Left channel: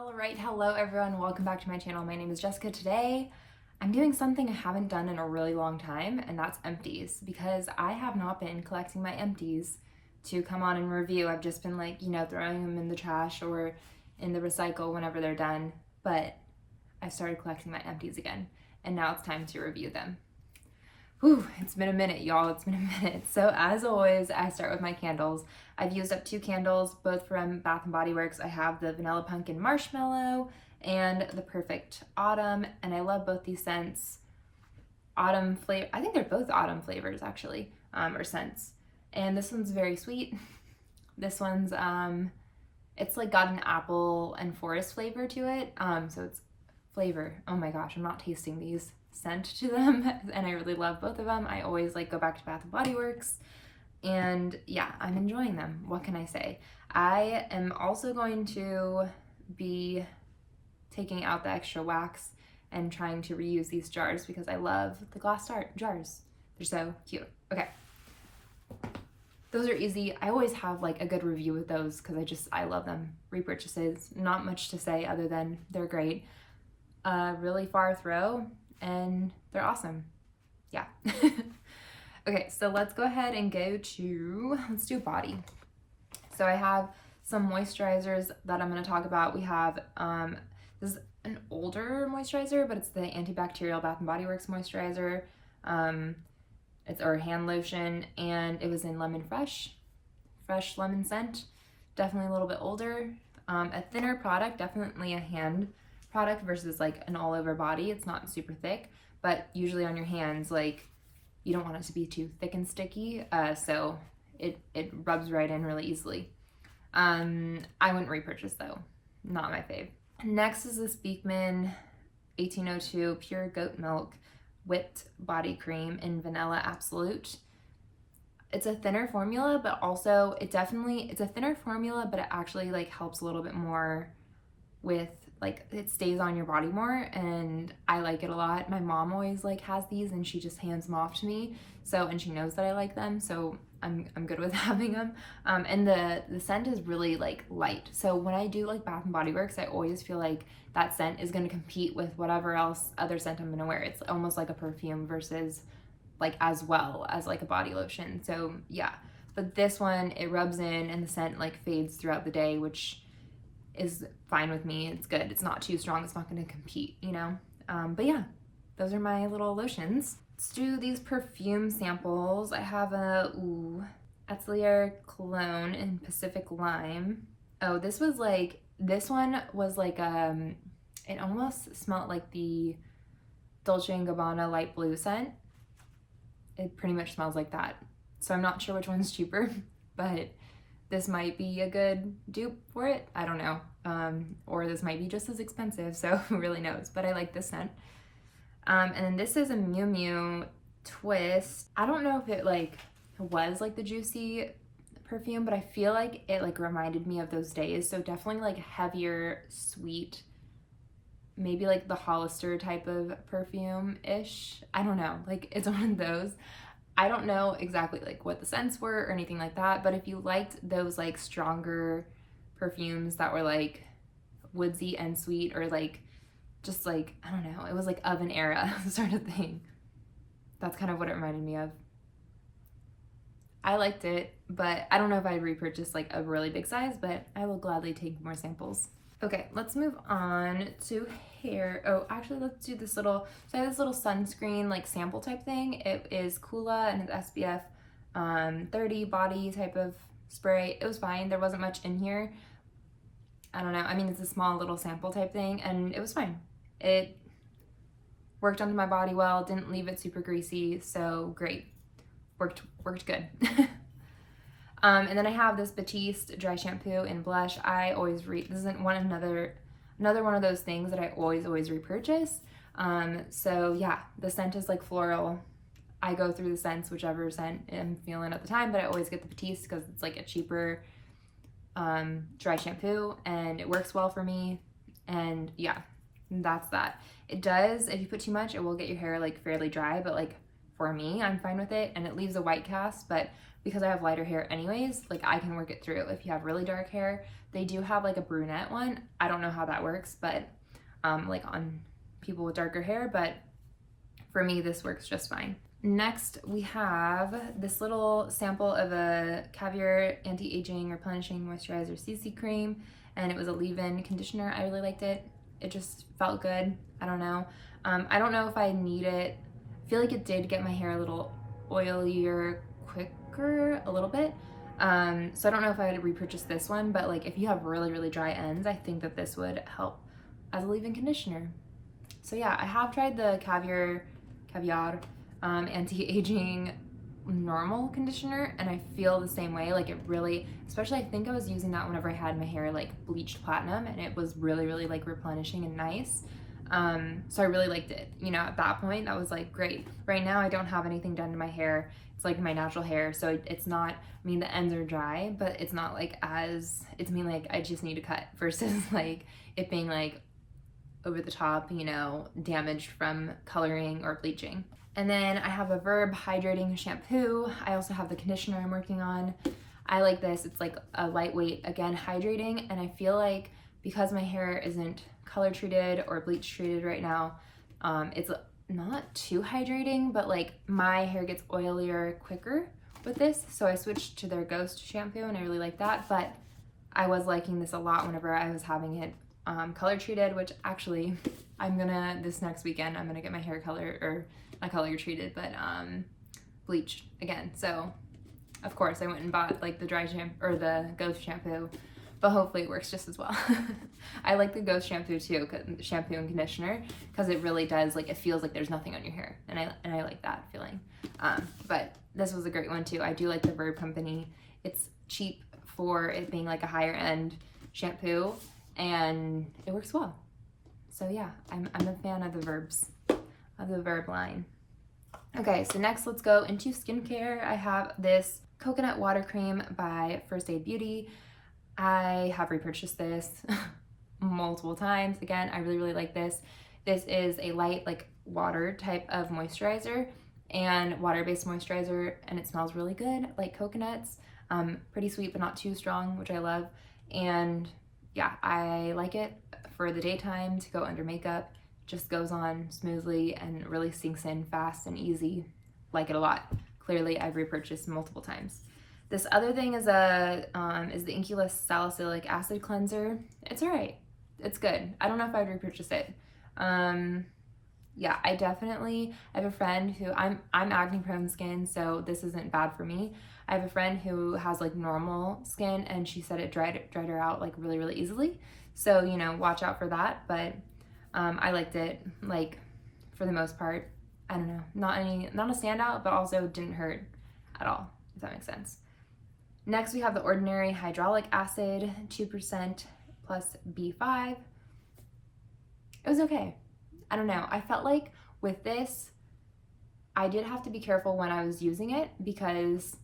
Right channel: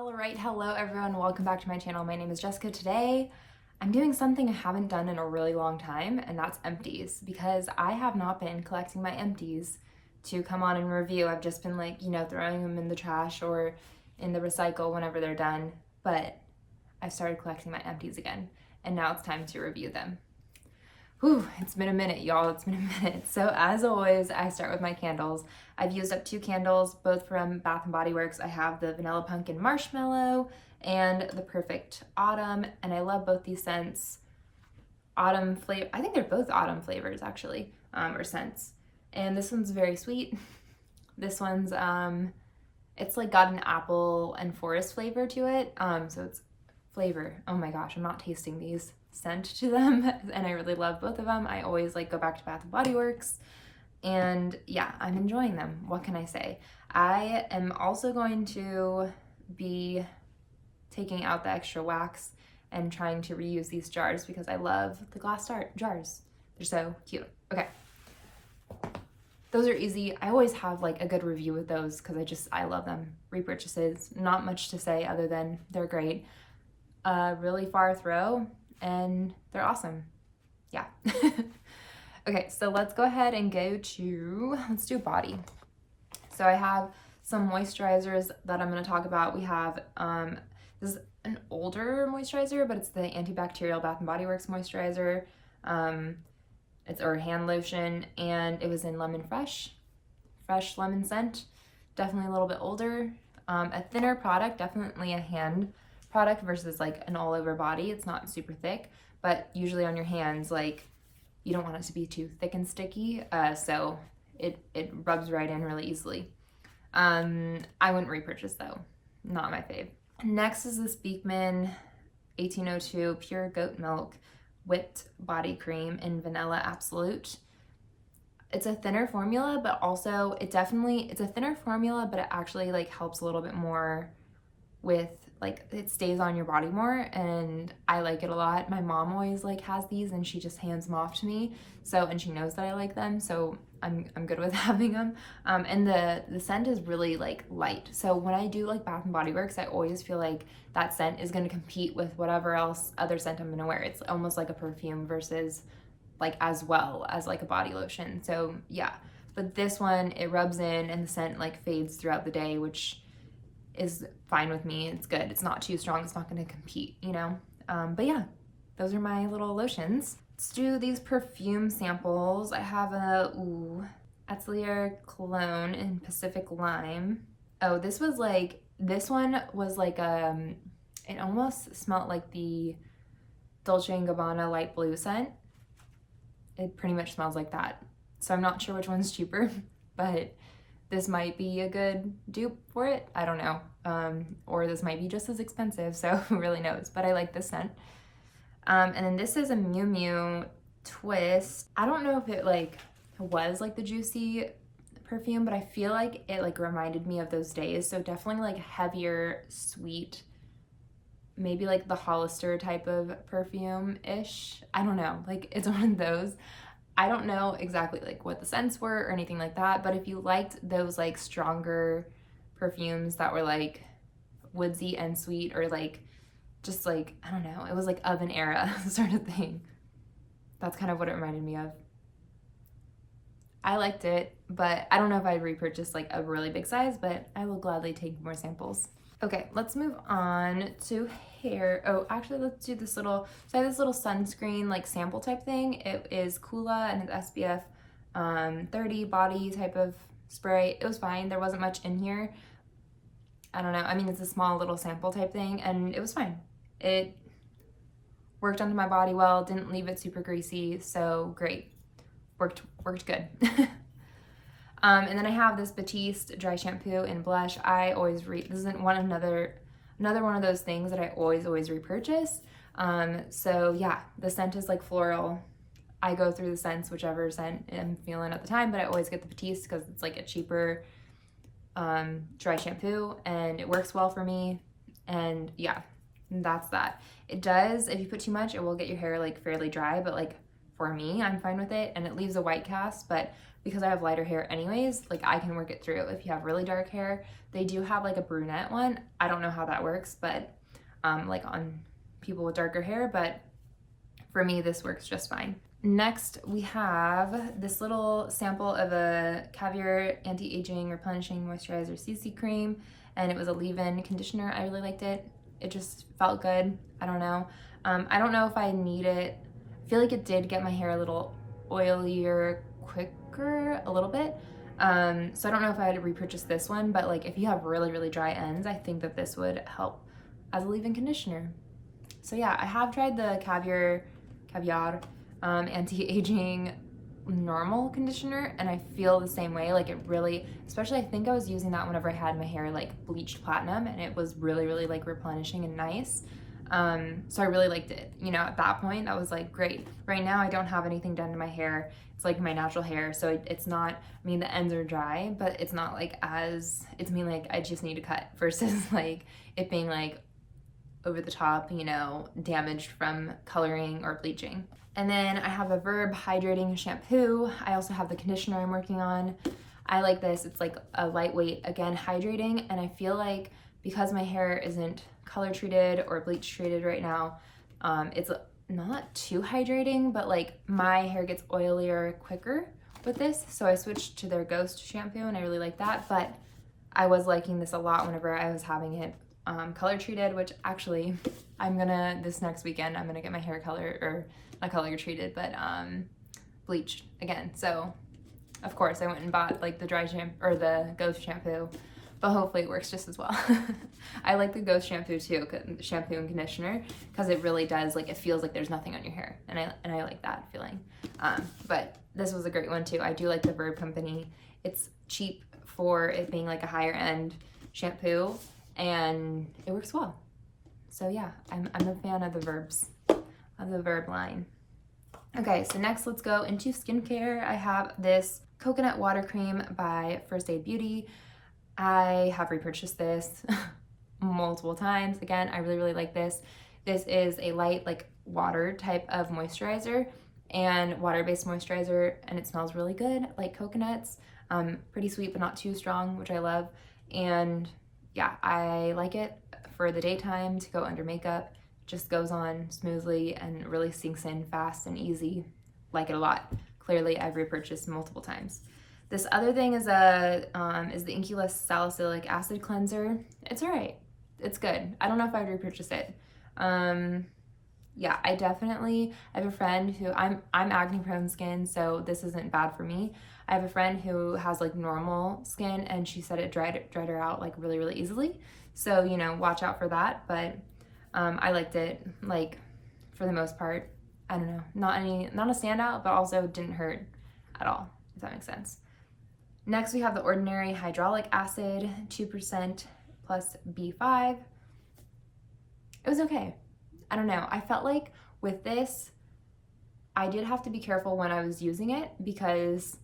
All right, hello everyone, welcome back to my channel. My name is Jessica. Today I'm doing something I haven't done in a really long time, and that's empties, because I have not been collecting my empties to come on and review. I've just been throwing them in the trash or in the recycle whenever they're done, but I started collecting my empties again, and now it's time to review them. Whew, it's been a minute, y'all. It's been a minute. So as always, I start with my candles. I've used up 2 candles, both from Bath & Body Works. I have the Vanilla Pumpkin Marshmallow and the Perfect Autumn, and I love both these scents. Autumn flavor, I think they're both autumn flavors actually, or scents. And this one's very sweet. This one's, it's like got an apple and forest flavor to it. So it's flavor. Oh my gosh, I'm not tasting these. Scent to them, and I really love both of them. I always go back to Bath & Body Works, and yeah, I'm enjoying them. What can I say? I am also going to be taking out the extra wax and trying to reuse these jars because I love the glass jars. They're so cute. Okay. Those are easy. I always have a good review with those because I love them. Repurchases, not much to say other than they're great. Really far throw, and they're awesome. Yeah. Okay, so let's go ahead and let's do body. So I have some moisturizers that I'm going to talk about. We have, this is an older moisturizer, but it's the antibacterial Bath & Body Works moisturizer. It's our hand lotion, and it was in lemon fresh lemon scent. Definitely a little bit older. A thinner product, definitely a hand product versus an all over body. It's not super thick, but usually on your hands, you don't want it to be too thick and sticky, so it rubs right in really easily. I wouldn't repurchase though, not my fave. Next is this Beekman 1802 Pure Goat Milk Whipped Body Cream in Vanilla Absolute. It's a thinner formula, but also it's a thinner formula, but it actually helps a little bit more with it stays on your body more, and I like it a lot. My mom always has these, and she just hands them off to me, and she knows that I like them, so I'm good with having them. And the scent is really light, so when I do Bath & Body Works, I always feel that scent is going to compete with whatever other scent I'm going to wear. It's almost like a perfume versus as well as a body lotion. So yeah, but this one, it rubs in and the scent fades throughout the day, which is fine with me. It's good. It's not too strong. It's not going to compete, but yeah, those are my little lotions. Let's do these perfume samples. I have a Atelier Cologne in Pacific Lime. Oh, this one was it almost smelled like the Dolce & Gabbana light blue scent. It pretty much smells like that. So I'm not sure which one's cheaper, but this might be a good dupe for it. I don't know. Or this might be just as expensive, so who really knows? But I like this scent. And then this is a Miu Miu Twist. I don't know if it was the Juicy perfume, but I feel it reminded me of those days. So definitely heavier, sweet, maybe the Hollister type of perfume-ish. I don't know. It's one of those. I don't know exactly what the scents were or anything like that, but if you liked those stronger perfumes that were woodsy and sweet, or just I don't know, it was oven era sort of thing. That's kind of what it reminded me of. I liked it, but I don't know if I'd repurchase a really big size, but I will gladly take more samples. Okay, let's move on to hair. Oh, actually, let's do this little, so I have this little sunscreen sample type thing. It is Kula, and it's SPF 30 body type of spray. It was fine. There wasn't much in here. I don't know. I mean, it's a small little sample type thing, and it was fine. It worked onto my body well, didn't leave it super greasy, so great. Worked good. And then I have this Batiste dry shampoo in blush. I always this isn't another one of those things that I always repurchase. So yeah, the scent is floral. I go through the scents, whichever scent I'm feeling at the time, but I always get the Batiste because it's a cheaper dry shampoo, and it works well for me. And yeah, that's that. It does, if you put too much, it will get your hair fairly dry, but for me, I'm fine with it, and it leaves a white cast, but because I have lighter hair anyways, like I can work it through. If you have really dark hair, they do have like a brunette one. I don't know how that works, but like on people with darker hair, but for me, this works just fine. Next, we have this little sample of a Caviar Anti-Aging Replenishing Moisturizer CC Cream, and it was a leave-in conditioner. I really liked it. It just felt good. I don't know. I don't know if I need it. I feel like it did get my hair a little oilier quicker, a little bit. So I don't know if I had to repurchase this one, but like if you have really, really dry ends, I think that this would help as a leave-in conditioner. So yeah, I have tried the Caviar Anti-Aging normal conditioner, and I feel the same way. Like it really, especially I think I was using that whenever I had my hair like bleached platinum, and it was really, really like replenishing and nice. So I really liked it. You know, at that point, that was like great. Right now, I don't have anything done to my hair. It's like my natural hair, so it's not, I mean, the ends are dry, but it's not like as, it's mainly like I just need to cut versus like it being like over the top, you know, damaged from coloring or bleaching. And then I have a Verb Hydrating Shampoo. I also have the conditioner I'm working on. I like this. It's like a lightweight, again, hydrating, and I feel like because my hair isn't color treated or bleach treated right now, it's not too hydrating, but like my hair gets oilier quicker with this, so I switched to their Ghost shampoo and I really like that. But I was liking this a lot whenever I was having it color treated, which actually this next weekend I'm gonna get my hair color, or not color treated, but bleached again. So of course I went and bought like the dry shampoo or the Ghost shampoo, but hopefully it works just as well. I like the Ghost shampoo too, shampoo and conditioner, because it really does, like, it feels like there's nothing on your hair, and I like that feeling. But this was a great one too. I do like the Verb company. It's cheap for it being like a higher end shampoo, and it works well. So yeah, I'm a fan of the Verb line. Okay, so next let's go into skincare. I have this coconut water cream by First Aid Beauty. I have repurchased this multiple times. Again, I really, really like this. This is a light, like, water type of moisturizer and water-based moisturizer, and it smells really good, like coconuts. Pretty sweet, but not too strong, which I love. And yeah, I like it for the daytime to go under makeup. Just goes on smoothly and really sinks in fast and easy. Like it a lot. Clearly, I've repurchased multiple times. This other thing is the Inculus Salicylic Acid Cleanser. It's all right. It's good. I don't know if I'd repurchase it. Yeah, I have a friend who, I'm acne prone skin, so this isn't bad for me. I have a friend who has like normal skin, and she said it dried her out like really, really easily. So, you know, watch out for that. But I liked it, like, for the most part. I don't know, not a standout, but also didn't hurt at all, if that makes sense. Next, we have the Ordinary Hydraulic Acid, 2% plus B5. It was okay. I don't know. I felt like with this, I did have to be careful when I was using it, because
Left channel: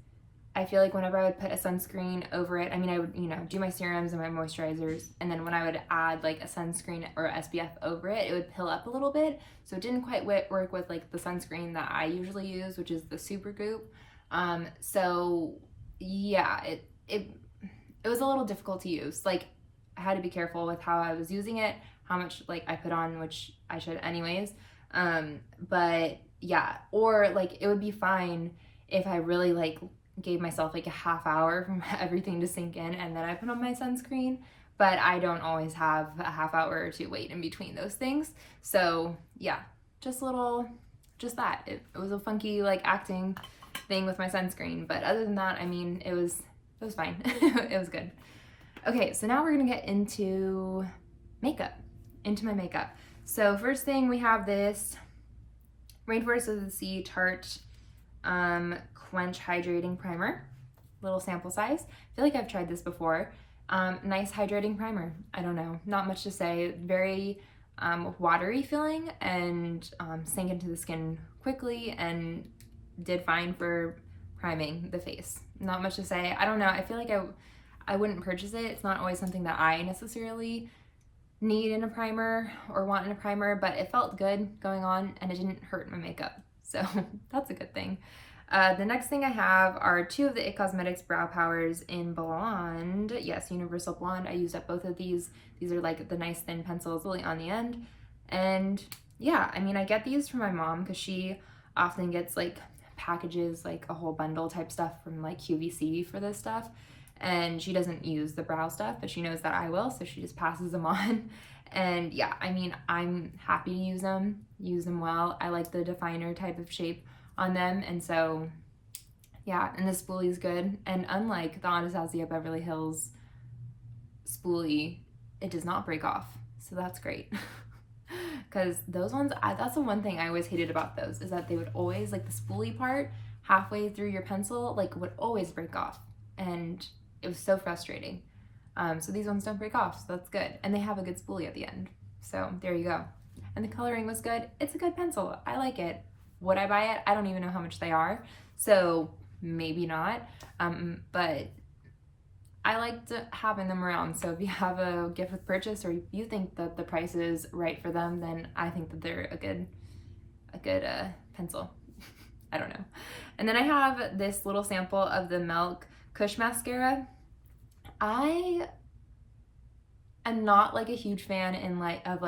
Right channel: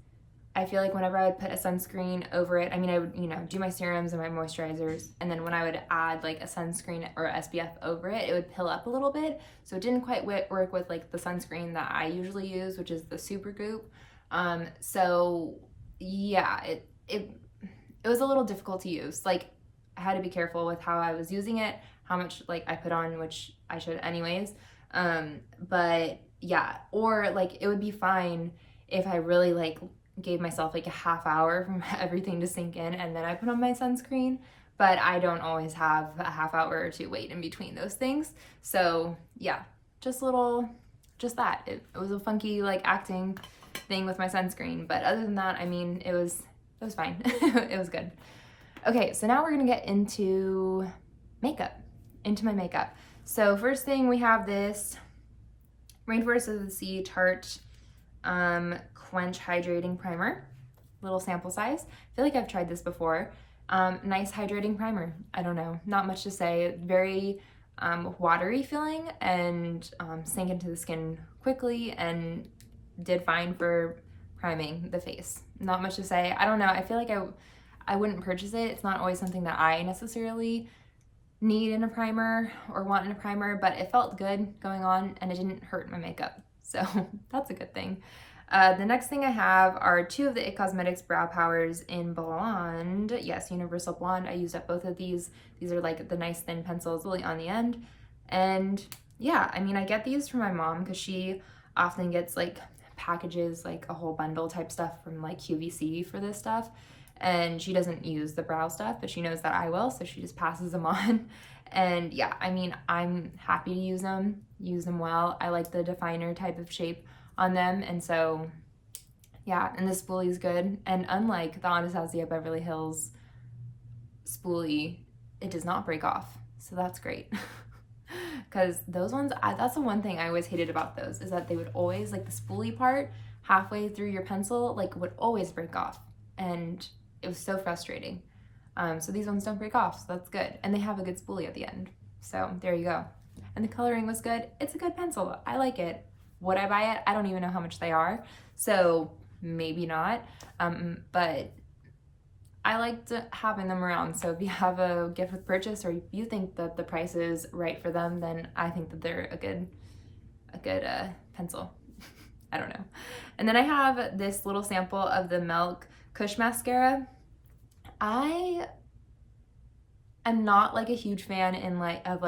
I feel like whenever I would put a sunscreen over it, I mean, I would, you know, do my serums and my moisturizers, and then when I would add like a sunscreen or SPF over it, it would pill up a little bit. So it didn't quite work with like the sunscreen that I usually use, which is the Supergoop. So yeah, it was a little difficult to use. Like, I had to be careful with how I was using it, how much like I put on, which I should anyways. But yeah, or like it would be fine if I really like gave myself like a half hour from everything to sink in and then I put on my sunscreen, but I don't always have a half hour or two wait in between those things. So yeah, just that. It was a funky like acting thing with my sunscreen, but other than that, I mean, it was fine. It was good. Okay, so now we're gonna get into my makeup. So first thing, we have this Rainforest of the Sea Tarte Quench Hydrating Primer, little sample size. I feel like I've tried this before. Nice hydrating primer. I don't know, not much to say. Very watery feeling, and sank into the skin quickly and did fine for priming the face. Not much to say. I don't know. I feel like I wouldn't purchase it. It's not always something that I necessarily need in a primer or want in a primer, but it felt good going on and it didn't hurt my makeup. So that's a good thing. The next thing I have are 2 of the IT Cosmetics Brow Powers in Blonde. Yes, Universal Blonde. I used up both of these. These are like the nice thin pencils really on the end. And yeah, I mean, I get these from my mom because she often gets like packages, like a whole bundle type stuff from like QVC for this stuff. And she doesn't use the brow stuff, but she knows that I will, so she just passes them on. And yeah, I mean, I'm happy to use them well. I like the definer type of shape on them, and so yeah, and the spoolie is good. And unlike the Anastasia Beverly Hills spoolie, it does not break off, so that's great. Because those ones, that's the one thing I always hated about those, is that they would always, like the spoolie part halfway through your pencil, like would always break off, and it was so frustrating. So these ones don't break off, so that's good. And they have a good spoolie at the end. So there you go. And the coloring was good. It's a good pencil. I like it. Would I buy it? I don't even know how much they are. So maybe not. But I liked having them around. So if you have a gift with purchase, or if you think that the price is right for them, then I think that they're a good pencil. I don't know. And then I have this little sample of the Milk Kush Mascara. I am not like a huge fan of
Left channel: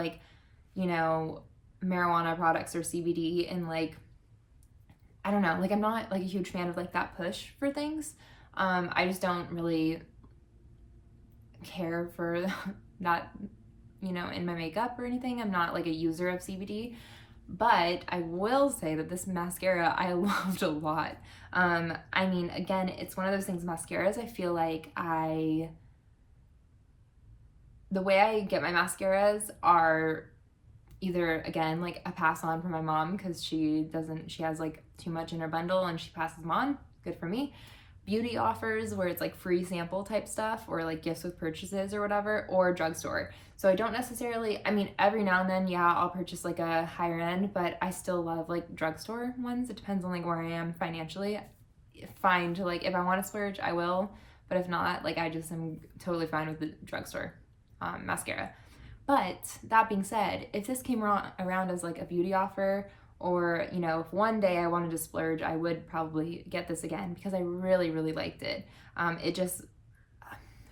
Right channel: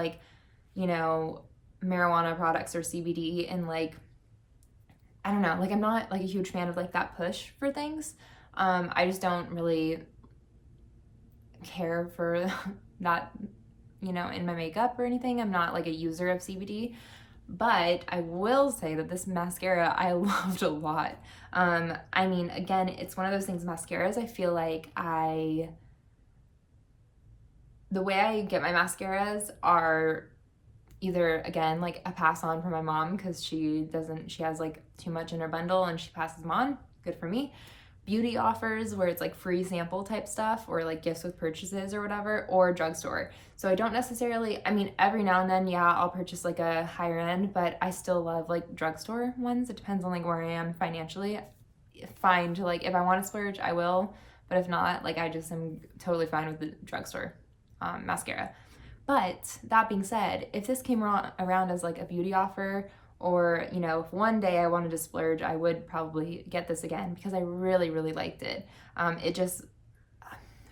you know, marijuana products or CBD, and like, I don't know, like I'm not like a huge fan of like that push for things. I just don't really care for that, you know, in my makeup or anything. I'm not like a user of CBD, but I will say that this mascara I loved a lot. I mean, again, it's one of those things, mascaras, I feel like the way I get my mascaras are either, again, like a pass on from my mom, because she has like too much in her bundle and she passes them on. Good for me. Beauty offers where it's like free sample type stuff, or like gifts with purchases or whatever, or drugstore. So I don't necessarily, I mean, every now and then, yeah, I'll purchase like a higher end, but I still love like drugstore ones. It depends on like where I am financially. Fine to like, if I want to splurge, I will, but if not, like I just am totally fine with the drugstore mascara. But that being said, if this came around as like a beauty offer, or, you know, if one day I wanted to splurge, I would probably get this again, because I really, really liked it. It just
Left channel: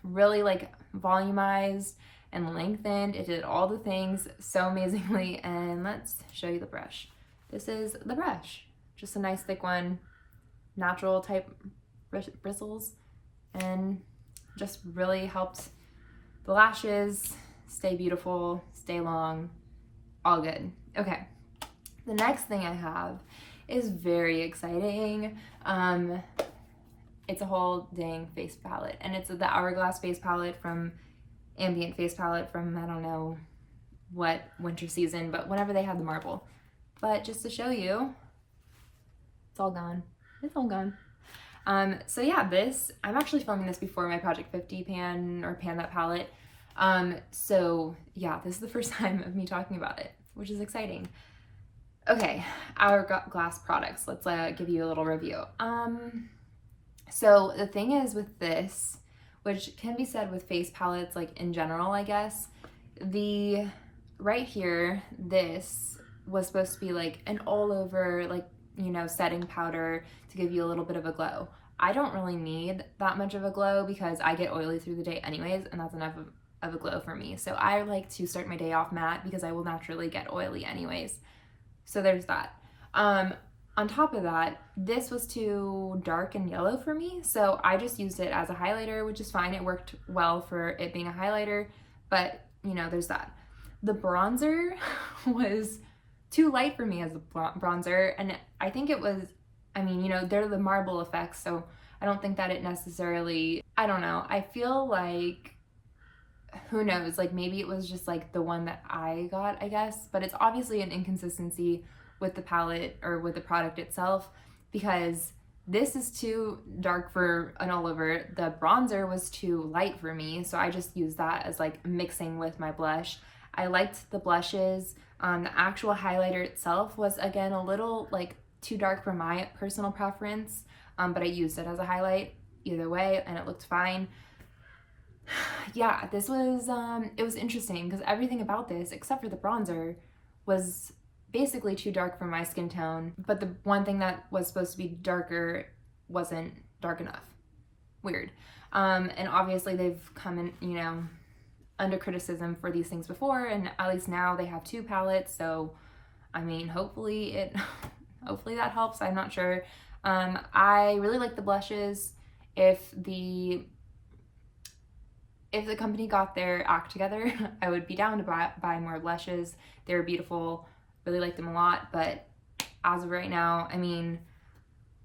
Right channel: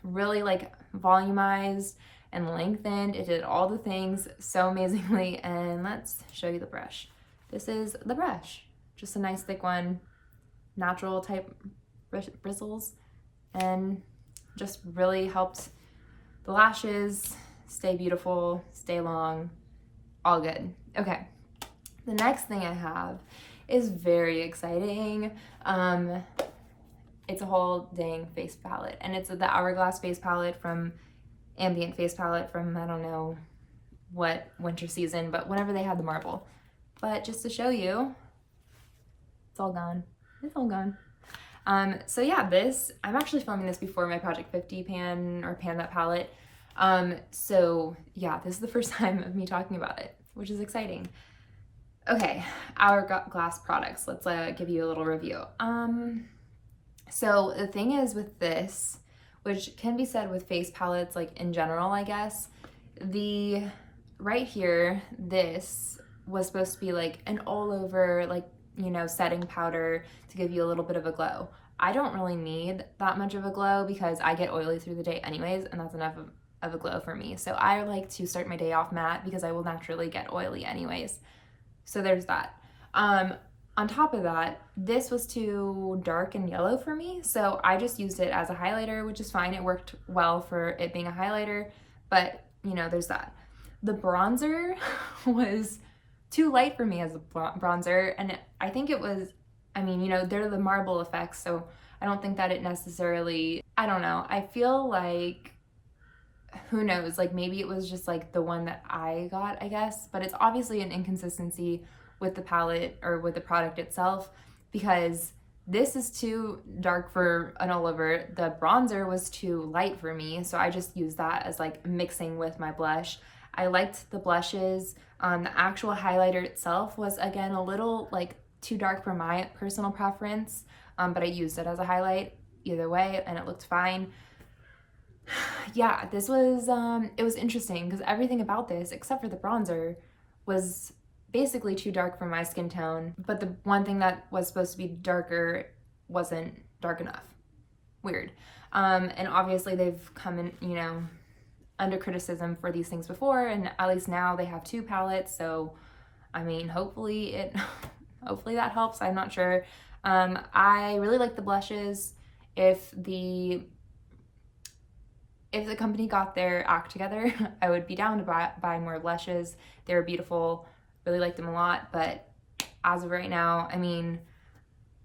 really like volumized and lengthened. It did all the things so amazingly. And let's show you the brush. This is the brush, just a nice thick one, natural type bristles, and just really helped the lashes stay beautiful, stay long, all good. Okay, the next thing I have is very exciting. It's a whole dang face palette, and it's the Hourglass face palette from Ambient Face palette from, I don't know what winter season, but whenever they had the marble. But just to show you, it's all gone. It's all gone. So yeah, I'm actually filming this before my Project 50 pan that palette. So yeah, this is the first time of me talking about it, which is exciting. Okay, Hourglass products. Let's give you a little review. So the thing is with this, which can be said with face palettes like in general, I guess, right here, this was supposed to be like an all over, like, you know, setting powder to give you a little bit of a glow. I don't really need that much of a glow because I get oily through the day anyways, and that's enough of a glow for me. So I like to start my day off matte because I will naturally get oily anyways. So there's that. On top of that, this was too dark and yellow for me, so I just used it as a highlighter, which is fine. It worked well for it being a highlighter, but you know, there's that. The bronzer was too light for me as a bronzer, and I think it was, I mean, you know, they're the marble effects, so I don't think that it necessarily, I don't know. I feel like, who knows, like maybe it was just like the one that I got, I guess, but it's obviously an inconsistency with the palette or with the product itself, because this is too dark for an all over. The bronzer was too light for me, so I just used that as like mixing with my blush. I liked the blushes. The actual highlighter itself was, again, a little like too dark for my personal preference, but I used it as a highlight either way and it looked fine. Yeah, this was, it was interesting because everything about this, except for the bronzer, was basically too dark for my skin tone, but the one thing that was supposed to be darker wasn't dark enough. Weird. And obviously they've come in, you know, under criticism for these things before, and at least now they have 2 palettes, so I mean, hopefully hopefully that helps. I'm not sure. I really like the blushes. If the company got their act together, I would be down to buy more blushes. They're beautiful, really like them a lot, but as of right now, I mean,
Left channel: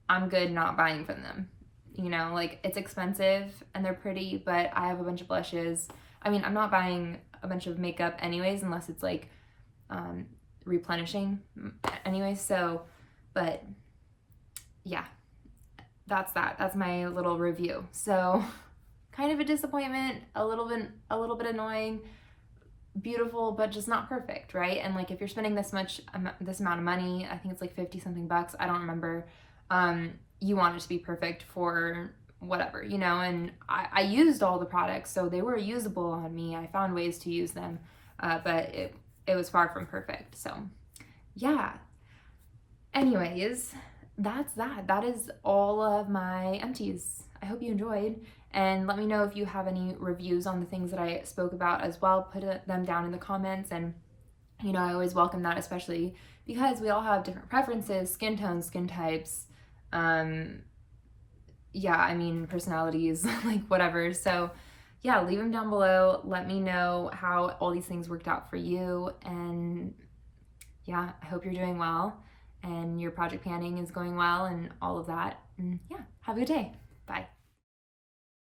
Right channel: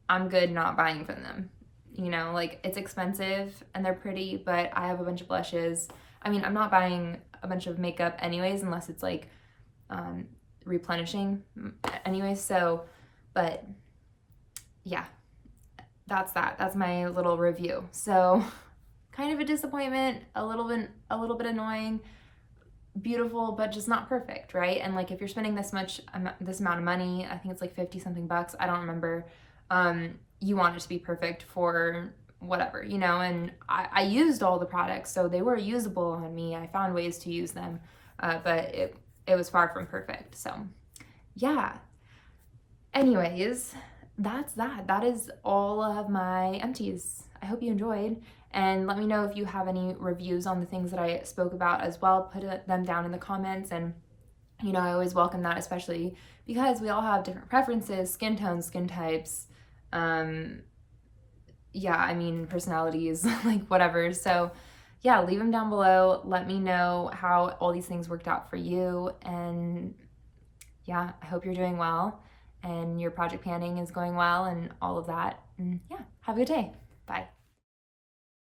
I'm good not buying from them. You know, like, it's expensive and they're pretty, but I have a bunch of blushes. I mean, I'm not buying a bunch of makeup anyways, unless it's like replenishing anyways. So, but yeah, that's that. That's my little review. So, kind of a disappointment, a little bit annoying, beautiful, but just not perfect, right? And like, if you're spending this amount of money, I think it's like 50 something bucks, I don't remember, you want it to be perfect for whatever, you know. And I used all the products, so they were usable on me. I found ways to use them, but it was far from perfect. So yeah, anyways, that's that. That is all of my empties. I hope you enjoyed, and let me know if you have any reviews on the things that I spoke about as well. Put them down in the comments, and you know, I always welcome that, especially because we all have different preferences, skin tones, skin types, yeah, I mean, personalities, like whatever. So yeah, leave them down below. Let me know how all these things worked out for you, and yeah, I hope you're doing well and your project planning is going well and all of that. And yeah, have a good day. Bye.